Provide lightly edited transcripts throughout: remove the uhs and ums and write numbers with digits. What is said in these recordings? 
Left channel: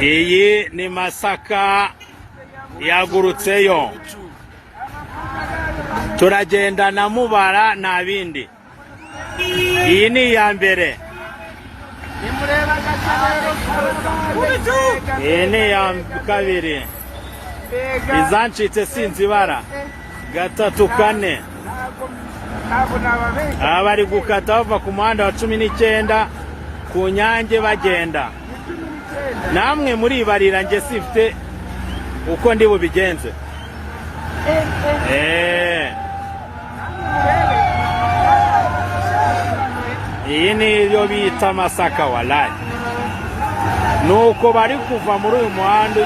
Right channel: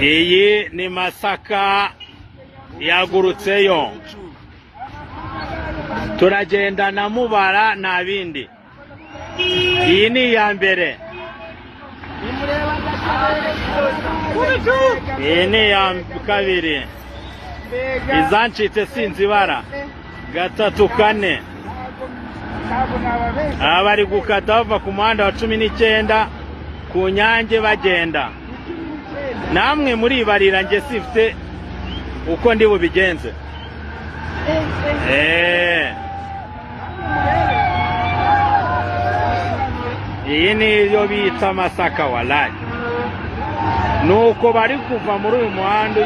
Iyi ni Masaka yagurutseyo. Turagenda na Mubara na bindi. Iyi ni ya mbere. Iyi ni ya kabiri. Izancitse sinzibara. Gatatu kane. Abari gukata bava ku muhanda wa 19 ku Nyange bagenda. Namwe muri barira nge sifite uko ndi bubigenze. Iyi ni yo bita Masaka walayi. Nuko bari kuva muri uyu muhanda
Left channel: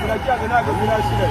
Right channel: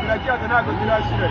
zirakiyaga ntabwo zirashira.